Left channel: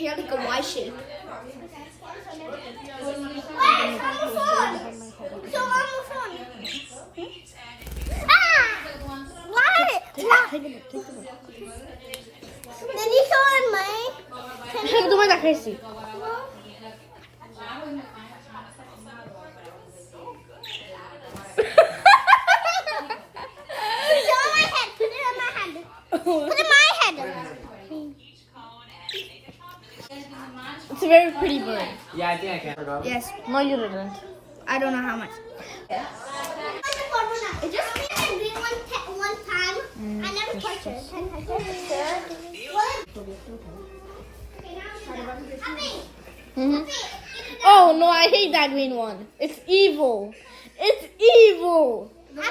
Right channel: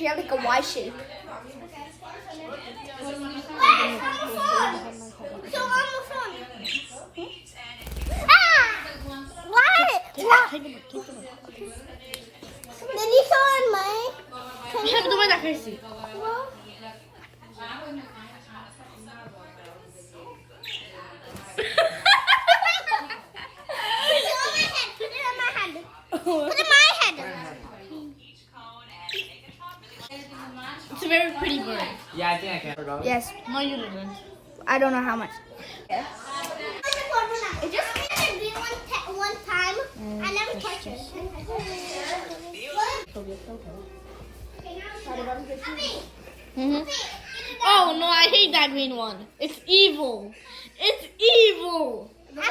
You have like a Y shape. Hem তোমায় দেখাইছি It's a very pretty bird. Yeah, I think I can. Yes. No, you didn't. I don't know how much. One time, I never touched it. Oh no, I hate that green one. It's evil. It's evil. But